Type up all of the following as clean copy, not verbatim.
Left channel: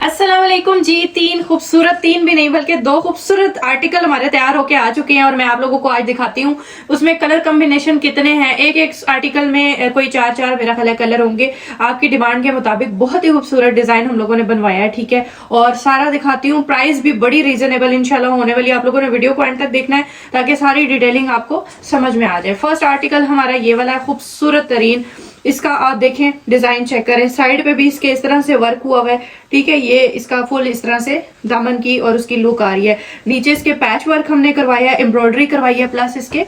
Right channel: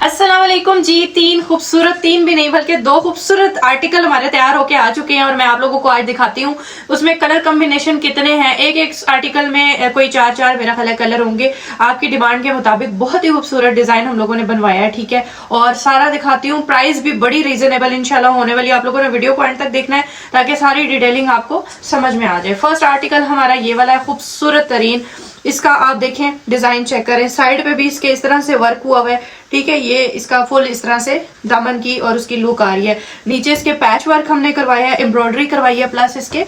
अस्सलाम वालेकुम जी। तीन भी नहीं बल्कि दो खूबसूरत आर्टिकल हमारे तैयार होके आ चुके हैं और मैं आप लोगों को आज दिखाती हूँ उसमें कलर कॉम्बिनेशन कितने हैं। एक एक आर्टिकल में कोई चार चार मेरा ख्याल है कलर होंगे आपकी डिमांड के मुताबिक। बहुत ही खूबसूरत डिजाइन हम लोगों ने बनवाया है, ठीक है। और सारा दिखाती हूँ, प्राइस भी बड़ी रीजनेबल इंशाल्लाह होने वाली। आप लोगों ने वीडियो को एंड तक देखना है ताकि सारी डिटेलिंग आपको समझ में आ जाए। फर्स्ट आर्टिकल हमारा ये वाला है, खूबसूरत तरीन। इसका आप देखें, डिजाइन चेक करें, साइड पे भी इसके इस तरह से वर्क हुआ हुआ है, ठीक है। ये इसका फुल इस तरह से दामन की और उसकी लुक आ रही है। नीचे इसके पैच वर्क हमने करवाया है, एम्ब्रॉयडरी करवाई है, प्लस इसके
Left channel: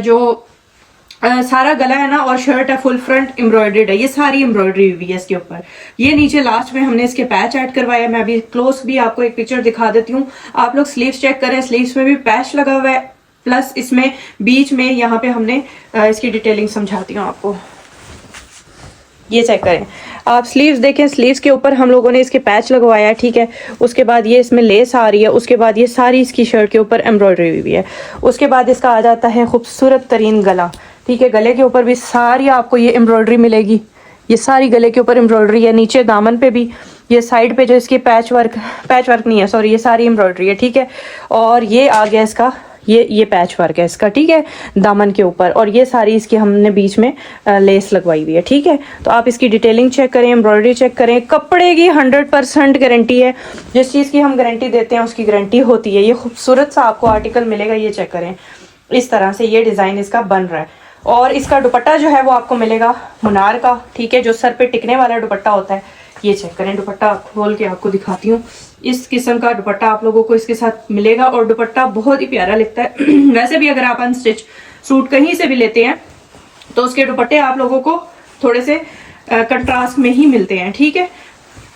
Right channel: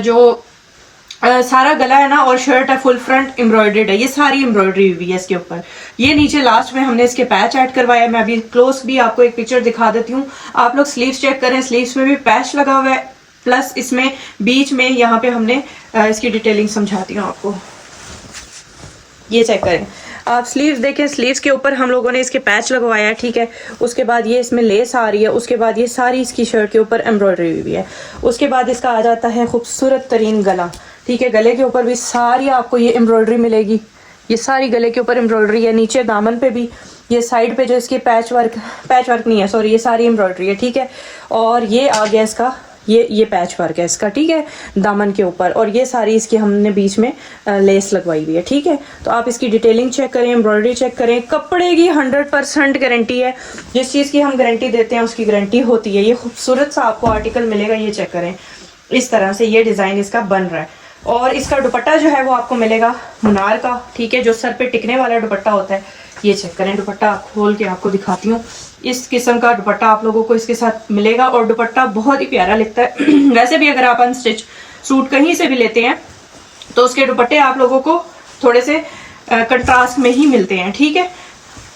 जो सारा गला है ना और शर्ट है फुल फ्रंट एम्ब्रॉयडर्ड है। ये सारी एम्ब्रॉयडरी हुई है इसके ऊपर। ये नीचे लास्ट में हमने इसके पैच ऐड करवाया है। मैं अभी क्लोज भी आपको एक पिक्चर दिखा देती हूँ। आप लोग स्लीव्स चेक करें, स्लीव्स में भी पैच लगा हुआ है, प्लस इसमें बीच में यहाँ पे हमने इसकी डिटेलिंग समझाती हूँ आपको। ये चेक करें आप, स्लीव्स देखें, स्लीव्स के ऊपर हम लोगों ने इसके पैच लगवाया है, ठीक है। उसके बाद ये इसमें लेस आ रही है, उसके बाद ये सारी इसकी शर्ट के ऊपर एम्ब्रॉयडरी हुई है। उसके बाद इसका आ जाता है खूबसूरत तरीन गला, ठीक है। गले के ऊपर भी सारी आपको ये एम्ब्रॉयडरी मिलेगी। ये सारी गले के ऊपर एम्ब्रॉयडरी है, नीचे दामन पे भी, ये साइड पे जो इसके पैच वर्क नहीं है, सॉरी, ये सारी एम्ब्रॉयडरी है, ठीक है। और ये आ गया इसका ये पैच वर्क है इसका, ठीक है, दामन के ऊपर। और ये सारी इसकी हमने बीच में लेस लगवाई हुई है, ठीक है। तो आप इसकी डिटेलिंग चेक करें, एम्ब्रॉयडरी चेक करें। कपड़े की 100% गारंटी है। जिस चीज़ की हम गारंटी देते हैं उसकी गारंटी होती है। ये खूबसूरत सा आपको आर्टिकल मिलेगा, ये चेक करें। इस तरह से ये डिज़ाइन इसका बन रहा है। और इसका दुपट्टा जो है वो आपको मिलेगा मुनार का, ठीक है, जो सर पे टिकने वाला दुपट्टा होता है। ये चेक करें, दुपट्टा खोल के आपको दिखाती हूँ। इस किस्म का दुपट्टा आप लोगों को इसके साथ मिलेगा और दुपट्टा बहुत ही प्यारा लगता है। वैसे भी अगर आप अनस्टिच सूट कहीं से भी लेते हैं तो उसके दुपट्टे आप लोगों को थोड़े से कंट्रास्ट में ही मिलते हैं, ठीक है।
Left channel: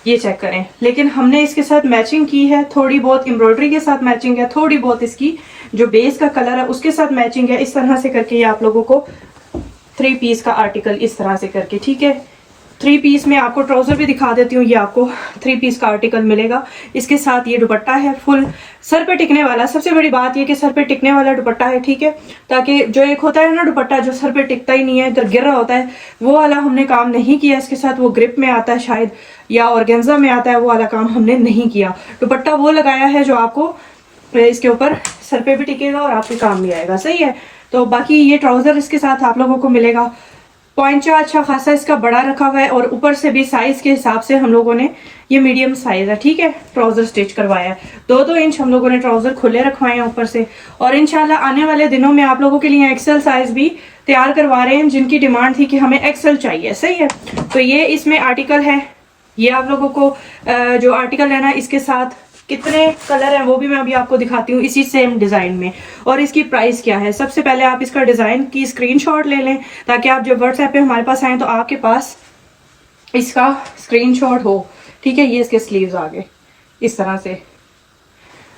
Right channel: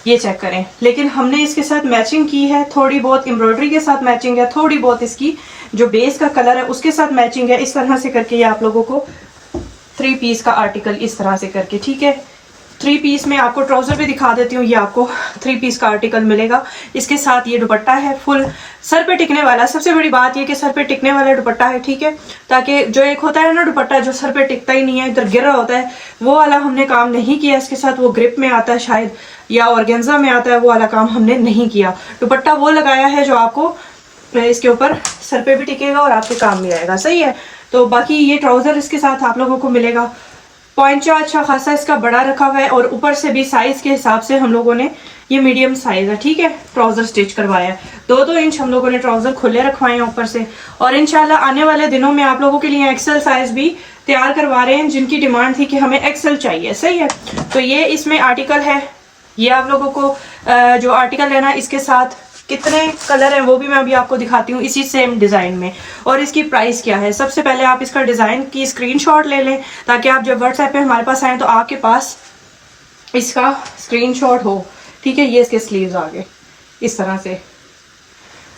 ये चेक करें, लेकिन हमने इसके साथ मैचिंग की है, थोड़ी बहुत एम्ब्रॉयडरी के साथ मैचिंग है, थोड़ी बहुत इसकी जो बेस का कलर है उसके साथ मैचिंग है। इस तरह से करके ये आप लोगों को 3 पीस का आर्टिकल इस तरह से करके, ठीक है। 3 पीस में आपको ट्राउजर भी दिखा देती हूँ। ये आपको 3 पीस का आर्टिकल मिलेगा। इसके साथ ये दुपट्टा है फुल सर पे टिकने वाला। सबसे बड़ी बात ये कि सर पे टिकने वाला दुपट्टा है, ठीक है, ताकि जो एक होता है ना दुपट्टा जो सर पे टिकता ही नहीं है, इधर गिर रहा होता है, वो वाला हमने काम नहीं किया इसके साथ। वो ग्रिप में आता है शायद या ऑर्गेन्जा में आता है, वो वाला काम हमने नहीं किया। दुपट्टा वो लगाया है जो आपको इसके ऊपर सर पे भी टिकेगा और आपके काम भी आएगा, सही है। तो बाकी ये ट्राउजर इसके साथ आप लोगों को मिलेगा। पॉइंचा अच्छा खासा इसका बड़ा रखा हुआ है और ऊपर से भी साइज के हिसाब से हम लोगों ने, ये मीडियम साइज है, ठीक है, ट्राउजर स्टिच करवाया है। 2-2 इंच हम लोगों ने ट्राउजर खुले रखवाए हैं ऊपर से। और इंशाल्लाह आने वाले दिनों में आप लोगों के लिए एक्सेल साइज भी तैयार करवा रहे हैं, जिनकी डिमांड थी कि हमें एक्सेल चाहिए, सही है। तो ये इसमें आर्टिकल है। ये आप लोगों को जो आर्टिकल है ना, इसके साथ कितने कलर हैं वो भी मैं अभी आपको दिखाती हूँ इसी सेम डिजाइन में। और इसकी प्राइस क्या है, सबसे पहले आप इसका डिजाइन की स्क्रीनशॉट ले लें ताकि आप जब व्हाट्सएप पे हमारे पास आए तो आपके पास इसका स्क्रीनशॉट हो, ठीक है। ये इसके स्लीव्स आ गए इस तरह से।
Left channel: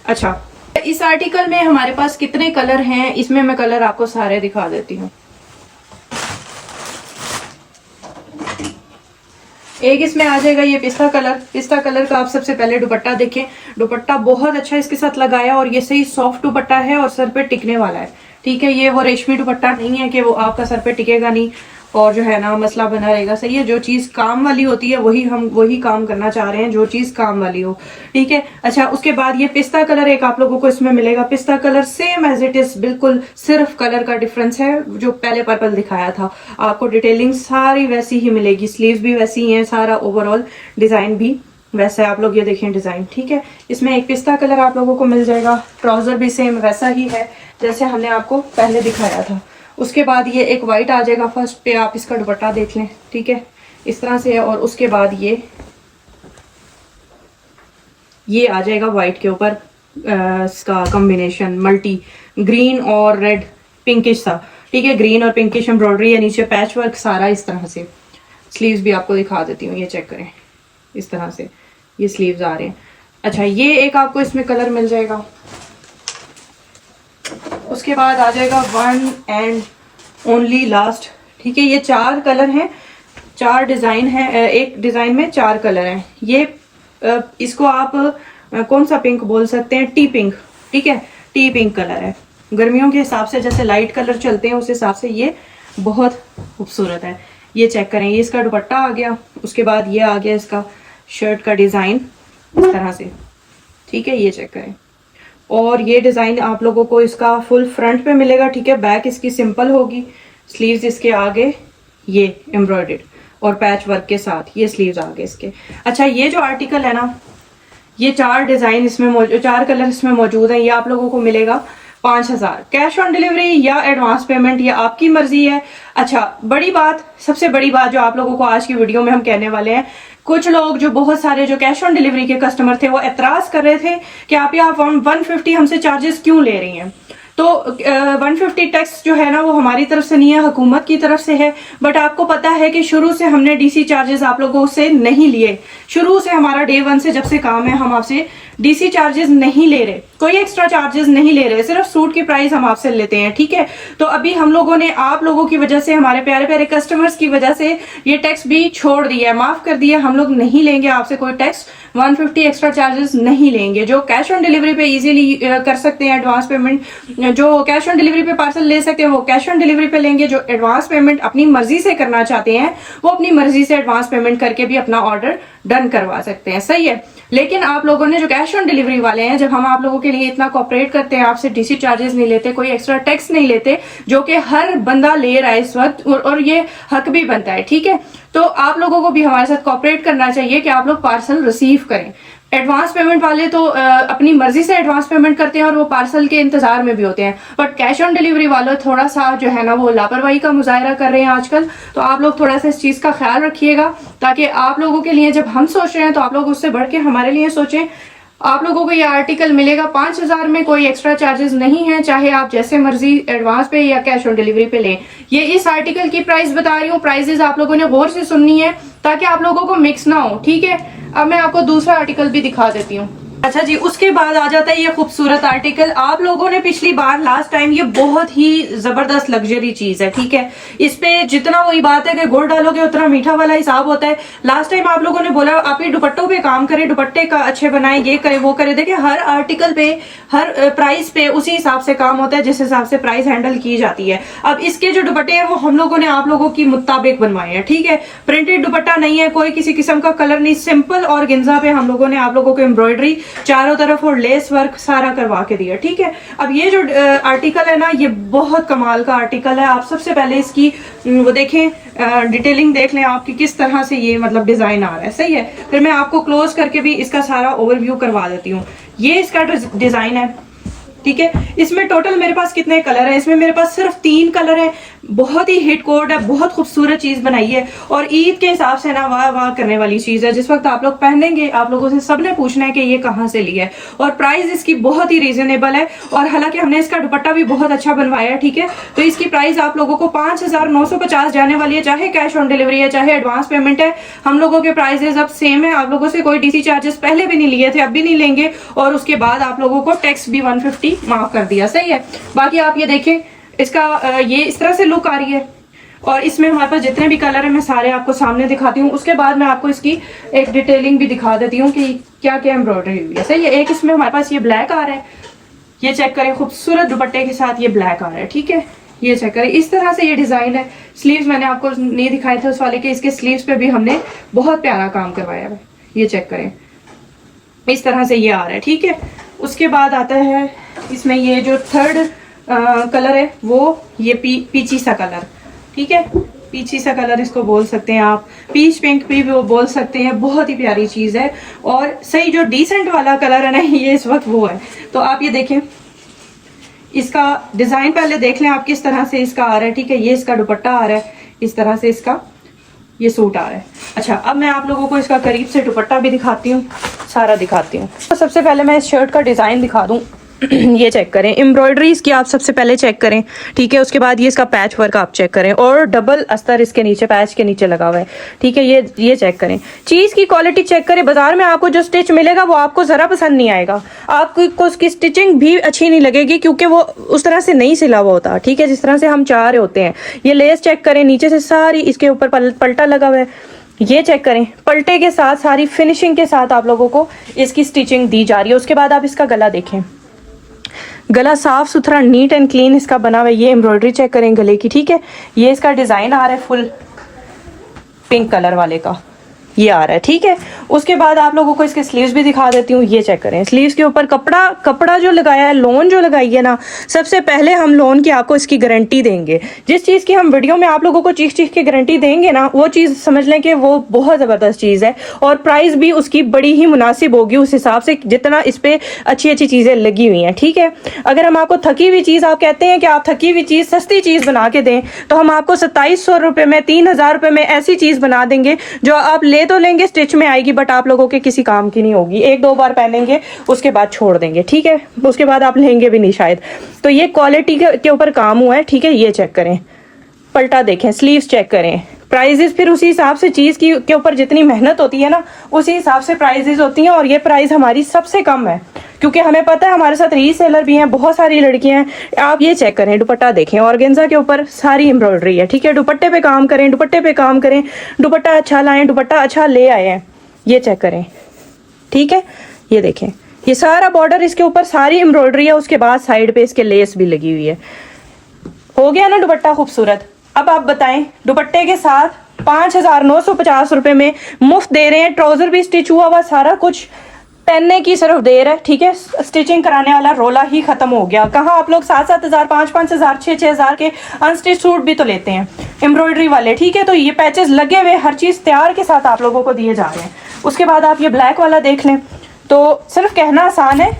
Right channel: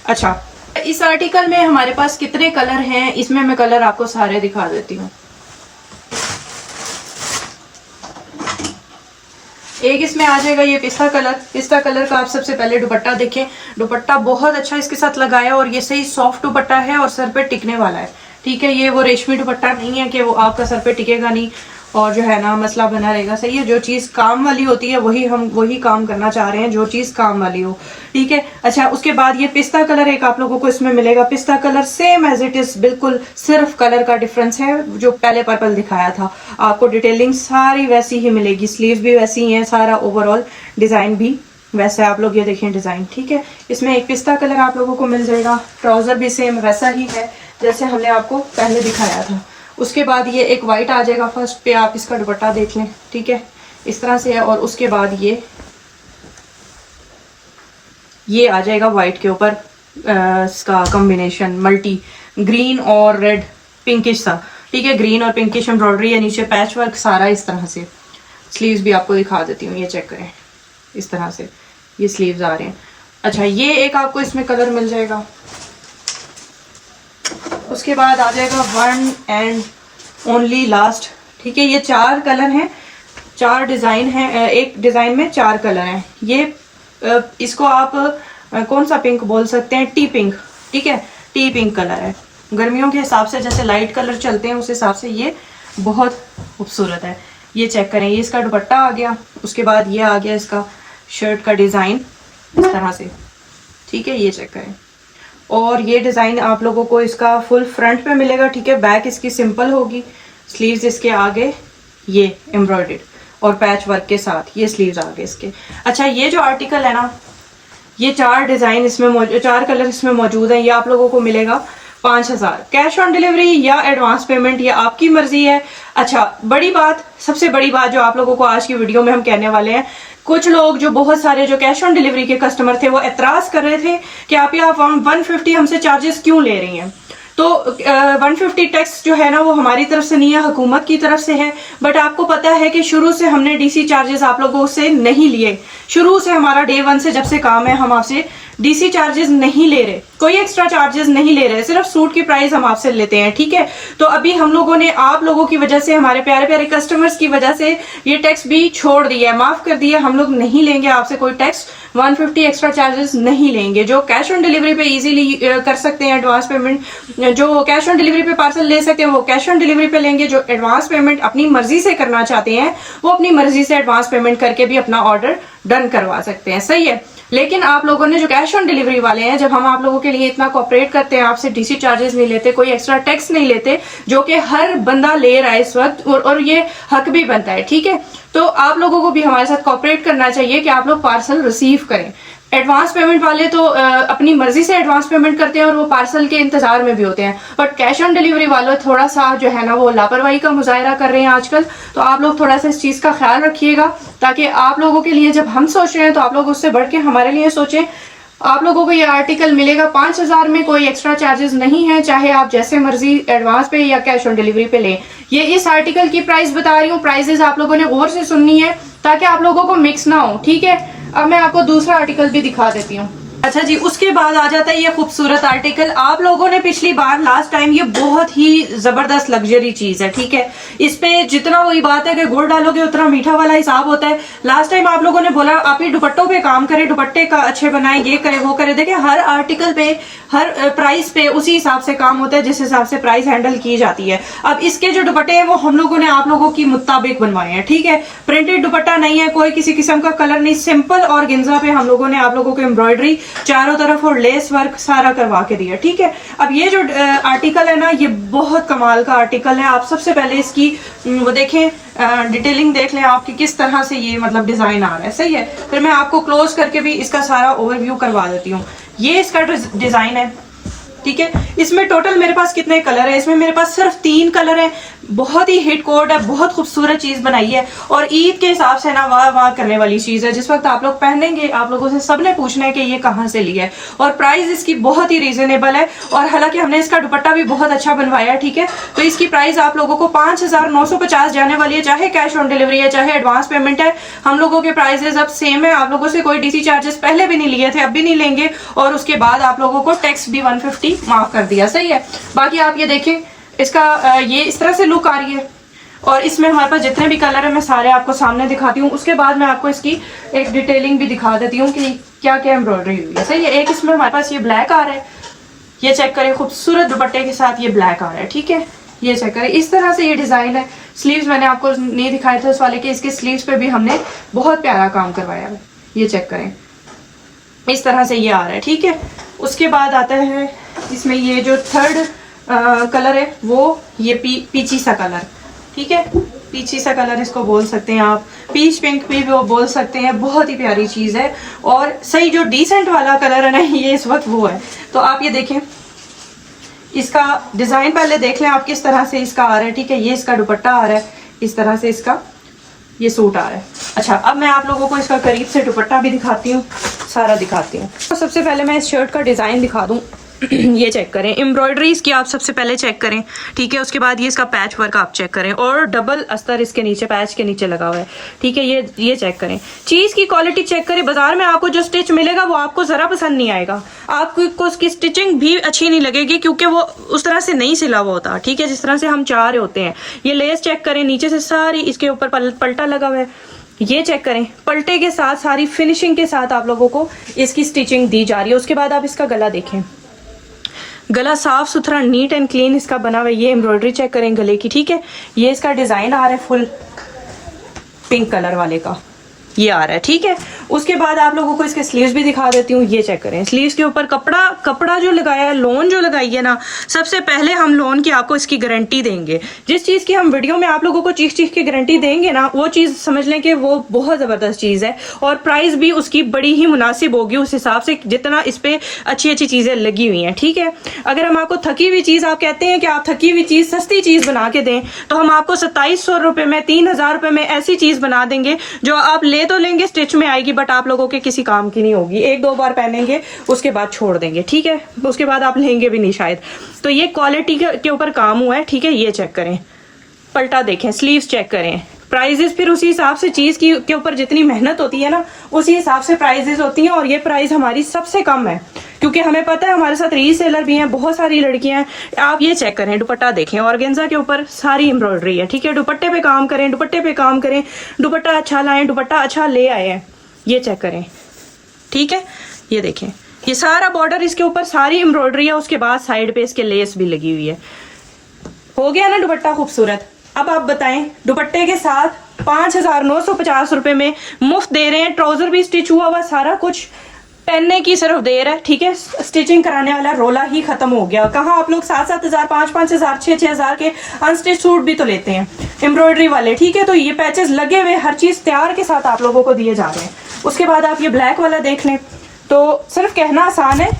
अच्छा, इस आर्टिकल में हमारे पास कितने कलर हैं, इसमें मैं कलर आपको सारे दिखा देती हूँ। एक इसमें आ जाएगा ये पिस्ता कलर। पिस्ता कलर का आप सबसे पहले दुपट्टा देखें। दुपट्टा बहुत अच्छा इसके साथ लगाया और ये सही सॉफ्ट दुपट्टा है और सर पे टिकने वाला है, ठीक है। ये वो रेशमी दुपट्टा नहीं है कि वो आपका सर पे टिकेगा नहीं और जो है ना मसला बना रहेगा, सही है। जो चीज़ काम वाली होती है हम वही काम करना चाह रहे हैं, जो चीज़ काम वाली हो, ठीक है। अच्छा, उसके बाद ये पिस्ता कलर एक आप लोगों को इसमें मिलेगा। पिस्ता colour same as it is, बिल्कुल सिर्फ कलर का डिफरेंस है। जो पहले पर्पल दिखाया था आपको डिटेलिंग सारी वैसी ही मिलेगी, स्लीव्स भी वैसी ही है, सारा ओवरऑल डिजाइन भी वैसे आप लोग ये देखें डिजाइन, ठीक है। इसमें एक पिस्ता कलर आप लोगों को मिल जाएगा। ट्राउजर भी सेम वैसा ही है जैसे हमने आपको पहले दिखाया था। उसके बाद ये एक वाइट आ जाएगा। फर्स्ट पे आप इसका दुपट्टा देख लें, ठीक है, इस तरह से है। और उसके बाद ये आ जाएगा वाइट के ऊपर इसका कॉम्बिनेशन मल्टी ग्रीन और रेड पिंकिश सा, ठीक है। ग्रीन और पिंकिश एम्ब्रॉयडरी है, नीचे पैच वर्क सारा इस तरह से। स्लीव्स भी आपको दिखा देती हूँ, ये चेक करें, इस तरह से ये स्लीव्स आ रहे हैं। अच्छा, ये एक आपको इसमें कलर मिल जाएगा। उसके बाद आ जाएगा वन एंड ओनली लास्ट, ठीक है। ये 4 कलर हैं, 4 डिजाइन हैं, एक डिजाइन में 4 कलर हैं। ये इसको आप कौन सा पिंक बोल सकते हैं, टी पिंक, ठीक है, टी पिंक कलर है। गर्मियों के हिसाब से जैसे लाइट कलर चलते हैं उस हिसाब से ये बहुत खूबसूरत है। ये चेक करें, ये इसका दुपट्टा आ गया। उसके बाद ये आ गया इसका शर्ट का डिजाइन, इस तरह से, ठीक है, ये चेक करें। और ये डिज़ाइन आप लोगों को इसका फुल फ्रंट पे मिलेगा, ठीक है। बैक इसकी सिंपल होगी, स्लीव्स इसके आगे ये एम्ब्रॉयडर्ड और पैच वर्क के साथ ये स्लीव्स आगे इसके। अच्छा, ये जो आर्टिकल है ना, ये 4 डिज़ाइन इसमें मौजूद, 4 कलर इसमें मौजूद हैं। ये आप लोगों को मिलेगा 5000। कैश ऑन डिलीवरी या एडवांस पेमेंट, ये आपकी मर्जी है। अच्छा, बड़ी बात, सबसे बड़ी बात जो आप लोगों को आज की वीडियो में हम कहने वाले हैं, कुछ लोग जो बहुत सारे जो कैश ऑन डिलीवरी के कस्टमर थे वो एतराज़ कर रहे थे कि आप 150 हमसे चार्जेस क्यों ले रही हैं। तो 150 टैक्स जो है ना वो हमारी तरफ से नहीं है, हुकूमत की तरफ से है। बट आपको पता है कि शुरू से हमने डीसी चार्जेस आप लोगों से नहीं लिए। शुरू से हमारा डे 1 से जब से काम है हम आपसे डीसी चार्जेस नहीं ले रहे, कोई एक्स्ट्रा चार्जेस नहीं ले रहे, सिर्फ सूट की प्राइस हम आपसे लेते हैं, ठीक है। तो अभी हम लोगों ने आप लोगों की वजह से, हमारे प्यारे प्यारे कस्टमर्स की वजह से ये टैक्स भी छोड़ दिया है, माफ कर दिया। हम लोग नहीं लेंगे आपसे कोई टैक्स, 150 एक्स्ट्रा चार्जेस नहीं लेंगे। जो कैश ऑन डिलीवरी पे इजीली कर सकते हैं एडवांस पेमेंट, जो कैश ऑन डिलीवरी पे पार्सल ले सकते हैं वो कैश ऑन डिलीवरी पे लेंगे। जो एडवांस पेमेंट अपनी मर्जी से करना चाहते हैं वो अपनी मर्जी से एडवांस पेमेंट करके भी अपना ऑर्डर डन करवा सकते हैं, सही है। लेकिन आप लोगों ने जो कैश ऑन डिलीवरी वाले हैं, जब हम आप लोगों के लिए इतना कोऑपरेट करते हैं, आपसे डीसी चार्जेस नहीं लेते, कोई एक्स्ट्रा टैक्स नहीं लेते, जो कि हर बंदा ले रहा है इस वक्त, और ये हक भी बनता है, ठीक है। तो आप लोगों को भी हमारे साथ कोऑपरेट करना चाहिए कि आप लोग पार्सल रिसीव करें। एडवांस पेमेंट वाले तो अपनी मर्जी से एडवांस पेमेंट करते हैं और वो पार्सल के इंतजार में भी होते हैं, बट कैश ऑन डिलीवरी वाले थोड़ा सा जो है ना वो लापरवाही का मुजाहरा कर रहे हैं आजकल। तो आप लोग थोड़ा सा इस चीज़ का ख्याल रखिएगा, ताकि आप लोगों के लिए जब हम सोच रहे हैं तो आप लोग उससे बढ़ के हमारे लिए सोचें। आप लोगों को ये आर्टिकल मिलेगा 5000 में, कोई एक्स्ट्रा चार्जेस नहीं है, चाहे आप जैसे मर्जी एडवांस पे या कैश ऑन डिलीवरी पे लें। ये इस आर्टिकल की प्राइस बता रही हूँ, प्राइसेस आप लोगों ने गौर से सुननी है ताकि आप लोगों को मिक्स ना हो, ठीक है। अब मैं आपको दूसरा आर्टिकल भी दिखा देती हूँ। अच्छा जी, उसके बाद आ जाता है ये खूबसूरत आर्टिकल। आप लोगों ने पिछली बार लास्ट टाइम, ये बहुत ही जबरदस्त लग्जरी चीज है, ठीक है। इस पे जितना वही बात है कि गुड़ डालोगे उतना मीठा वाला हिसाब होता है। लास्ट टाइम आप लोगों ने बोला आप ये दुपट्टों पे काम करें, दुपट्टे का अच्छे बनाए, ये करे वो करे। देखिए, हर आर्टिकल पे, हर प्राइस पे उसी हिसाब से काम होता है जिस हिसाब से प्राइस हैंडल की जाती है। अब इसके जो दुपट्टे हैं वो हम लोगों ने आप लोगों की मुताबिक बनवाए हैं, ठीक है। प्रिंटेड दुपट्टा नहीं है, कोई किसी किस्म का कलर नहीं, सिंपल और गिंजा पे हम लोगों ने आप लोगों को एम्ब्रॉयडरी चारों तरफ और लेस वर्क सारा करवा के दिया, ठीक है। अब ये जो आर्टिकल है ना, ये बहुत कमाल का आर्टिकल है। आप सबसे पहले इसकी वो देखें, डिटेलिंग देख लें आपकी किस तरह से ये मतलब डिजाइन आ रहा है, सही है। फिर मैं आपको क्लोज करके भी इसका सारा ओवरव्यू करवा देती हूँ। ये इसका डिजाइन है, ठीक है। इसमें टोटल मेरे पास कितने कलर है? इसमें मेरे पास सिर्फ 3 कलर है। बहुत ही हिट कोड है, बहुत खूबसूरत चीज बनाई है और ईद के हिसाब से ना वाह वाह करने वाली चीज है। जिस वक्त आप लोग पहनेंगे आप लोगों से सबने पूछना है कि ये कहाँ से लिया है, और प्राइस इसकी बहुत ही रीजनेबल है। और हालांकि हमने इसका दुपट्टा भी बहुत अच्छा बनवाया है, ठीक है। तो इसकी प्राइस आप लोगों को 5950 जाने वाली है, चाहे कैश ऑन डिलीवरी है चाहे एडवांस पेमेंट है। हम लोगों के प्राइसेस अब सेम है। आप लोगों से कोई डीसी चार्जेस पहले भी नहीं लिए थे, अब भी नहीं लेंगे, और उसके बाद आप लोगों को टैक्स भी 150 माफ कर दिया, सही है। बाकी आप ये देखें, इसका ये इस तरह से लुक आ रही है। और इसमें हमारे पास जितने भी कलर है मैं सारे आपको सामने दिखाती हूँ। उसके बाद मैं आपको इसकी एक डिटेलिंग भी दिखा देती हूँ कि क्या क्या एम्ब्रॉयडरी हुई है, सही है। एक इसमें हमारे पास ये ब्लैक आ रहा है, ये चेक करें, खूबसूरत दुपट्टे के साथ ये ब्लैक आ रहा है, ठीक है। ये चेक करें, इस तरह से ये डिजाइन है। स्लीव्स मैंने आपको नहीं दिखाए थे उस वाले के, इसके स्लीव्स पे भी हमने बहुत प्यारा काम करवाया है। ये चेक करें, इस तरह से ये आ रहा है, ठीक है। उसके बाद आता है इसमें ये जो थर्ड कलर है वो ये पीची सा कलर, ठीक है। पीची सा कलर इसको बोल सकते हैं आप, पीच पिंक भी वो बोल सकते हैं। बहुत ही प्यारी चीज है और सही जो डिसेंट वाला कलर है ना, ये इस वक्त वो है। तो आप ये देखें, इसका डिजाइन पहले देख लें आप किस तरह से इसका आ रहा है, ठीक है। ये इसका दुपट्टा आ रहा है, इस तरह से इसका ये सूट आ रहा है। अच्छा, अब मैं आप लोगों को इसका करीब से दुपट्टा भी दिखाती हूँ, सारा दिखाती हूँ। तो सबसे पहले मैं इस शर्ट का डिजाइन दिखा दूँ। ये चेक करें, एम्ब्रॉयडरी इसकी आप सबसे पहले चेक करें, ठीक है। उसके बाद ये इसका पैच वर्क आप चेक करें, और डबल अस्तर इसके नीचे, पैच के नीचे लगा हुआ है, ठीक है। ये चेक करें, चीज की क्वालिटी चेक करें। बाजार में आपको जो स्टिच मिलेगा वो आपको जरा पसंद नहीं आएगा, आपको उसकी स्टिचिंग भी अच्छी नहीं लगेगी, क्योंकि वो उस तरह से नहीं सिला हुआ होता, ठीक है, जिस तरह से हम चाह रहे होते हैं। ये लेस चेक करें, नीचे से सारी इसके ऊपर पलटा लगा हुआ है। ये चेक करें, पलटे के साथ सारी फिनिशिंग के साथ आप लोगों को इसकी स्टिचिंग दी जा रही है। उसके बाद आप इसका गला देखें, गला साफ सुथरा नीट एंड क्लीन इसका बना हुआ है। ये एम्ब्रॉयडरी चेक करें गले की, ठीक है। ये इसका डिजाइन आ रहा है फुल पिंक कलर वाले का, ये आ रहा है, ठीक है। उसके बाद आप लोगों को इसके स्लीव्स भी दिखा देती हूँ। ये चेक करें, स्लीव्स के ऊपर कपड़ा जो लगाया है, लोन जो लगाई है ना, सबसे पहले हम लोन की आपको इसकी गारंटी देंगे। जिस चीज़ की हम वीडियो में आप लोगों को चीख के गारंटी देंगे ना, वो चीज़ समझ लें कि वो बहुत ज़बरदस्त चीज़ है और प्राइस भी उसकी बड़ी ही मुनासिब होगी उस हिसाब से जितना इस पर अच्छी चीज़ें लगी हुई हैं। ठीक है, अगर हम आपको थकी हुई चीज़, आप कहते हैं कि आप थकी हुई चीज़ सस्ती चीज़ बना के दें, तो हम आपको 2700 रुपये में, 3000 रुपये में ऐसी चीज़ बना देंगे जो आप ले तो लेंगे, स्टिच में आएगी, बट आप लोगों के किसी काम की नहीं होगी। 1-2 बार पहनेंगे, उसके बाद छोड़ देंगे। ठीक है, उसके बाद आप लेंगे भी नहीं शायद। तो ये क्वालिटी के ऊपर काम हुआ है। ठीक है, ये चेक करें, पलटा देखें, स्लीव्स चेक करें, प्राइजेस फिर उसी हिसाब से चीज़ के ऊपर जितनी मेहनत होती है ना, उसी हिसाब से प्राइजेस होती हैं। और ये प्राइस हमारी सबसे कम है क्योंकि हमें पता है हमारे साथ रीसेलर भी हैं, बहुत सारी लड़कियां हैं। आप ये चेक करें, दुपट्टा देखें, ऑर्गेन्जा के ऊपर सारी एम्ब्रॉयडरी है। ठीक है, दुपट्टे पे काम करें, दुपट्टे पे काम करें, दुपट्टा अच्छा लाएं, दुपट्टा अच्छा ले आए हैं। ये चेक करें, ठीक है, ये देखें, ये सारा बॉर्डर इसके ऊपर सारी एम्ब्रॉयडरी है। उसके बाद साइड पे इसके लेस भी लगी हुई है। हो गया ना दुपट्टा खूबसूरत। अब आप बताएं, दुपट्टे के साथ 5950 रुपए में मुफ्त दे रहे हैं। ट्राउजर भी स्टिच हुआ सारा कुछ, पहनने की सिर्फ देर है। ठीक है, स्टिचिंग कराने वाला रोला ही खत्म हो गया। कहाँ आप लोग 7-7 हजार, 5-5 हजार, 6-6 हजार के अनस्टिच सूट भी तो लेते हैं एम्ब्रॉयडरी वाले। ठीक है, तो ये पैचेस लगे हुए, हर चीज तैयार के साथ आप लोगों को दिए जा रहे हैं। उसके बाद आप ये ब्लैक वाला देख लें, तो सिर्फ कहना आसान है,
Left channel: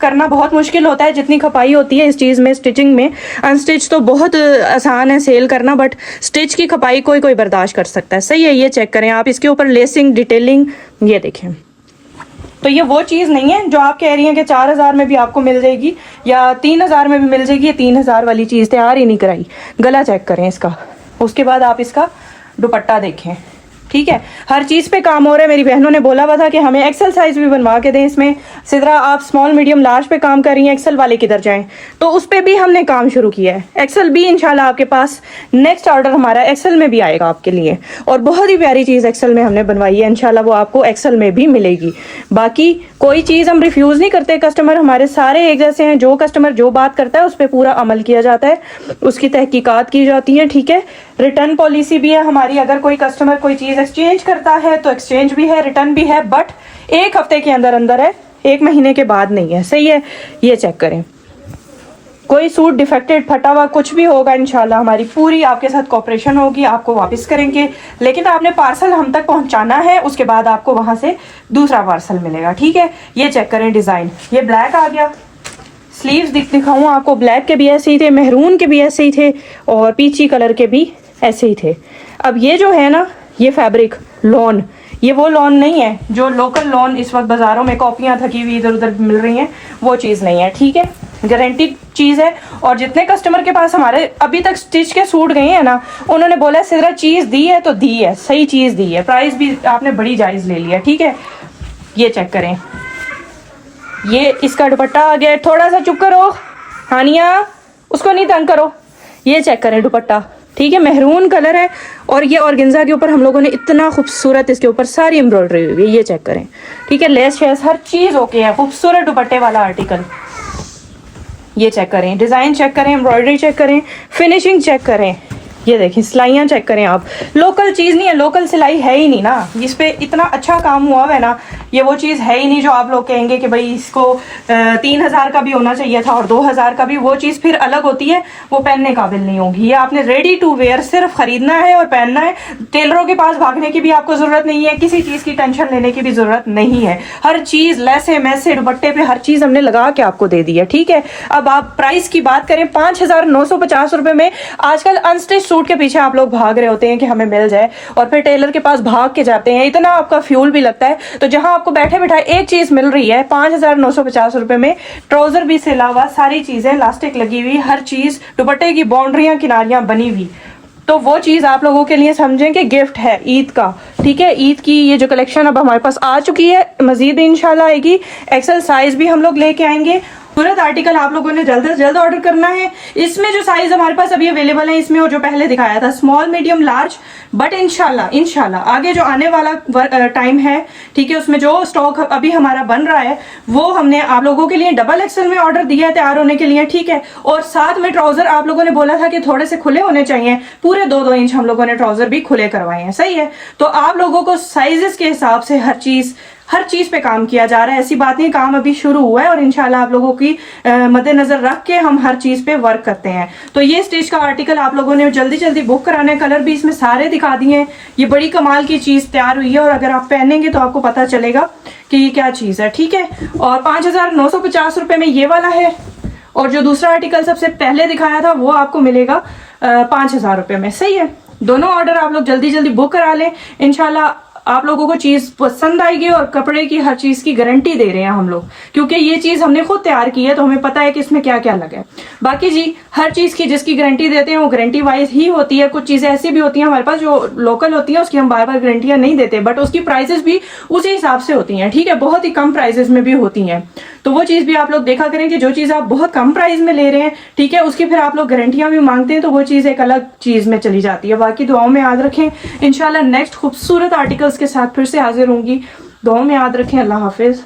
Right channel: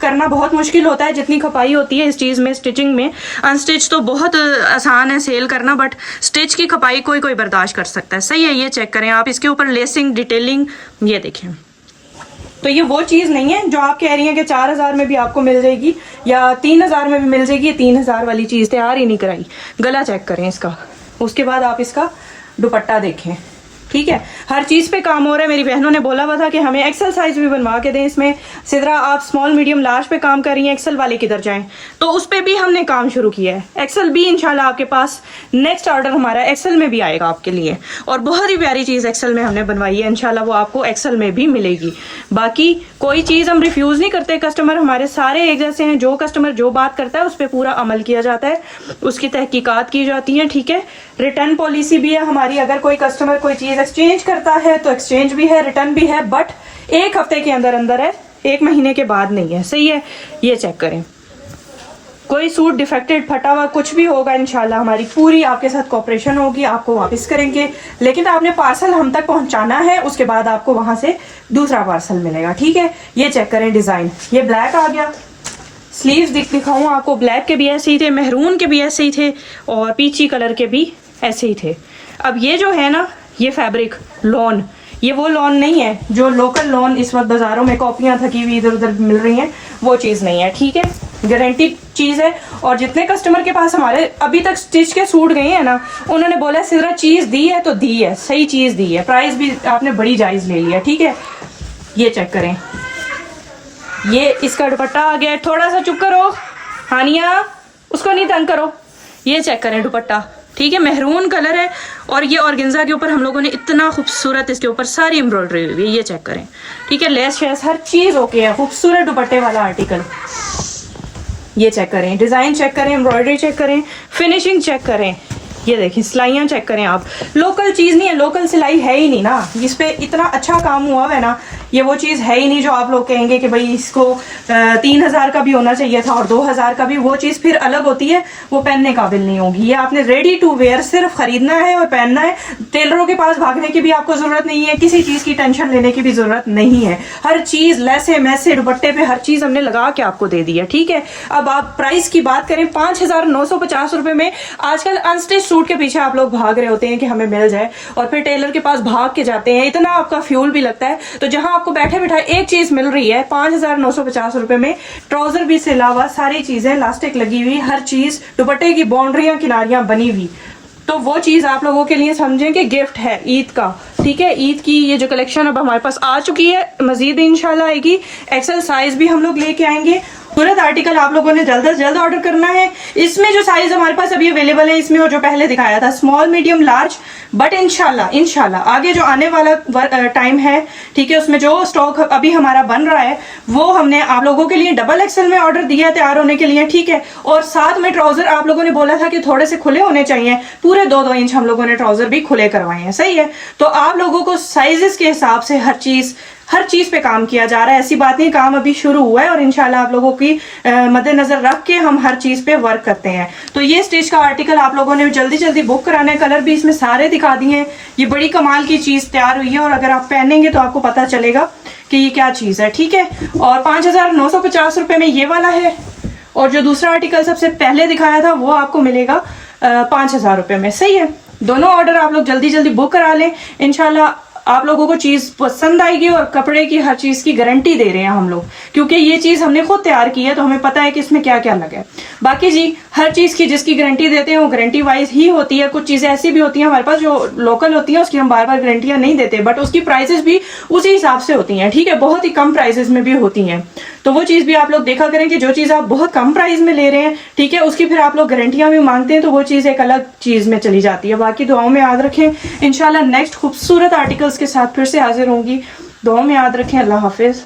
करना बहुत मुश्किल होता है। जितनी खपाई होती है इस चीज़ में, स्टिचिंग में, अनस्टिच तो बहुत आसान है सेल करना, बट स्टिच की खपाई कोई बर्दाश्त कर सकता है। सही है, ये चेक करें आप, इसके ऊपर लेसिंग, डिटेलिंग, ये देखें। तो ये वो चीज़ नहीं है जो आप कह रही हैं कि 4000 में भी आपको मिल जाएगी या 3000 में भी मिल जाएगी। ये 3000 वाली चीज़ तैयार ही नहीं कराई। गला चेक करें इसका, उसके बाद आप इसका दुपट्टा देखें। ठीक है, हर चीज़ पे काम हो रहा है। मेरी बहनों ने बोला हुआ था कि हमें एक्सेल साइज भी बनवा के दें इसमें। सिद्रा आप स्मॉल मीडियम लार्ज पे काम कर रही हैं, एक्सेल वाले किधर जाएं, तो उस पर भी हमने काम शुरू किया है। एक्सेल भी इंशाल्लाह आपके पास नेक्स्ट ऑर्डर हमारा एक्सेल में भी आएगा आपके लिए, और बहुत ही प्यारी चीज़ एक्सेल में हमने बनवाई है। इंशाल्लाह वो आपको एक्सेल में भी मिलेगी। बाकी कोई चीज़ हम रिफ्यूज़ नहीं करते, कस्टमर हमारे सारे एक जैसे हैं। जो कस्टमर जो बात करता है उस पर पूरा अमल किया जाता है, उसकी तहकीकात की जाती है। ठीक है, रिटर्न पॉलिसी भी है हमारी। अगर कोई कस्टमर कोई चीज़ एक्सचेंज करता है तो एक्सचेंज भी है, रिटर्न भी है, बट 1 हफ्ते के अंदर अंदर है, 1 महीने के बाद नहीं है। सही है, ये चेक करें। कोई सूट डिफेक्टेड, फटा हुआ कुछ भी होगा, इंशाल्लाह हमारी पूरी आपके साथ कोऑपरेशन होगी, आपको वापस करेंगे। लेकिन आपने पार्सल हम तक पहुंचाना है, उसके बाद आपको वहां से दूसरा पार्सल मिलेगा। ठीक है, ये चेक करें डिजाइन, ये ब्लैक आ गया। स्लीव्स दिखाऊं आपको, ब्लैक के भी ऐसे ही थे, मेहरून के भी ऐसे ही थे, और पीची कलर के भी ऐसे ही थे। अब ये जो है ना, ये फैब्रिक लॉन, ये वो लॉन नहीं है जो लोकल लॉन इस वक्त बाजारों में कॉपियां थकी हुई इधर उधर मिल रही हैं, वो चीज़ नहीं है। ठीक है, गारंटी चीज़ है। और जितने कस्टमर के पास हमारे अभी तक स्टिच के सूट गए हैं ना, उन्होंने बोला सिर्फ चीज़ दी है तो दी है, सही चीज़ दी है, प्राइस भी आपने बड़ी जायज़ ले लिया। ठीक है, ये चेक करें, ये इसका दुपट्टा आ गया। थोड़ा सा चुप करो हानिया, उसको नहीं तंग करो। ये चेक करें दुपट्टा, ठीक है, मेहरून कलर है, और ये ऑर्गेन्जा के ऊपर हम लोगों ने इतना खूबसूरत इसके ऊपर सारी एम्ब्रॉयडरी हुई है। ये चेक करें, ठीक है, लेस शेस हर चीज़ ओके है, खूबसूरत दुपट्टे वाला आर्टिकल। ये चेक करें, डिज़ाइन चेक करें, एम्ब्रॉयडरी चेक करें, फिनिशिंग चेक करें। ये देखें, सिलाइयाँ चेक करें आप। लोकल चीज़ नहीं है, लोकल सिलाई है ही नहीं ना, जिस पे इतना अच्छा काम हुआ है ना, ये वो चीज़ है ही नहीं जो आप लोग कहेंगे कि भाई इसको 3000 का भी होना चाहिए था और 2000 का भी। वो चीज़ फिर अलग होती है, वो पहनने काबिल नहीं होगी। ये आपने रेडी टू वेयर सिर्फ खरीदना है और पहनना है। टेलरों के पास भागने की भी आपको जरूरत नहीं है, किसी चीज़ की टेंशन लेने की भी जरूरत नहीं है। हर चीज़ लैसे मैसे दुपट्टे पे हर चीज़ हमने लगा के आपको दे दी है। ठीक है, अब आप प्राइस की बात करें, 5950 रुपए में। आजकल अनस्टिच सूट के पीछे आप लोग भाग रहे होते हैं कि हमें मिल जाए, और फिर टेलर के पास भाग के जाते हैं, इतना आपका फ्यूल भी लगता है। तो जहां आपको बैठे बैठाए एक चीज मिल रही है 5950 रुपए में, ट्राउजर भी से अलावा सारी चीजें इलास्टिक लगी हुई, हर चीज, दुपट्टे की बाउंड्रियां किनारियां बनी हुई, तो वो चीज आप लोगों के लिए समझें कि गिफ्ट है ईद का। ठीक है, ईद की ये जो कलेक्शन अब हमारे पास आ चुकी है, मजीद इंशाल्लाह आएगी। एक्सेल साइज भी हम लोग लेके आएंगे, खूबसूरत आर्टिकल आप लोगों ने जल्द से जल्द ऑर्डर करना है। इसमें जो साइज हमारे पास अभी अवेलेबल है, इसमें वो जो पहले दिखाया था स्मॉल मीडियम लार्ज, बट इंशाल्लाह आगे जो आने वाला टाइम है, ठीक है, उसमें जो स्टॉक अभी हमारा बन रहा है वो हमने आप लोगों के लिए डबल एक्सेल में ऑर्डर दिया है तैयार होने के लिए, ठीक है। और साथ में ट्राउजर आप लोगों ने बोला था कि थोड़े से खुले होने चाहिए, पूरे 2-2 इंच हम लोगों ने ट्राउजर भी खुले करवाए हैं, सही है। तो आप लोगों को साइजेस के हिसाब से हर चीज पे काम किया जा रहा है, ऐसी बात नहीं, काम अभी शुरू हुआ है और इंशाल्लाह आप लोगों की मद्देनजर रख के हम हर चीज पे वर्क करते हैं। तो ये स्टिच का आर्टिकल आप लोगों ने जल्दी जल्दी बुक कराना है, कलर भी इसमें सारे दिखा दिए हैं। ये बड़ी कमाल की चीज तैयार हुई है और अगर आप पहनेंगे तो आपको पता चलेगा कि ये क्या चीज है, ठीक है। और 5,950 रुपए में ये वाला है, और जो दूसरा आर्टिकल सबसे पहले दिखाया था वो आपको मिलेगा 5,000 रुपए में, सही है। दोनों ऑर्डर आप लोग जल्दी जल्दी बुक करा लें, इंशाल्लाह आप लोगों को चीज पसंद आएगी और कपड़े की हर चीज की गारंटी दे रहे हैं हम लोग, क्योंकि ये चीज हमने खुद तैयार की है तो हमें पता है कि इसमें क्या क्या लगा है। बाकी जी हर चीज की जिसकी गारंटी देते हैं वो गारंटी वाइज ही होती है। कुछ चीजें ऐसी भी होती हैं हमारे पास जो लोकल होती हैं, उसकी हम बार बार गारंटियां नहीं देते, बट उसकी प्राइसेस भी उसी हिसाब से होती हैं, ठीक है, बहुत ही कम प्राइसेस में भी होती हैं। तो वो चीज भी आप लोग देखा करें कि जो चीज आप बहुत कम प्राइस में ले रहे हैं, ठीक है, उसकी फिर आप लोग गारंटियां भी मांगते हैं तो वो चीज एक अलग चीज में चली जाती है। बाकी दुआओं में याद रखें, इंशाल्लाह नेक्स्ट खूबसूरत आर्टिकल्स के साथ फिर से हाजिर होंगी। दुआओं में याद रखें। अल्लाह हाफिज।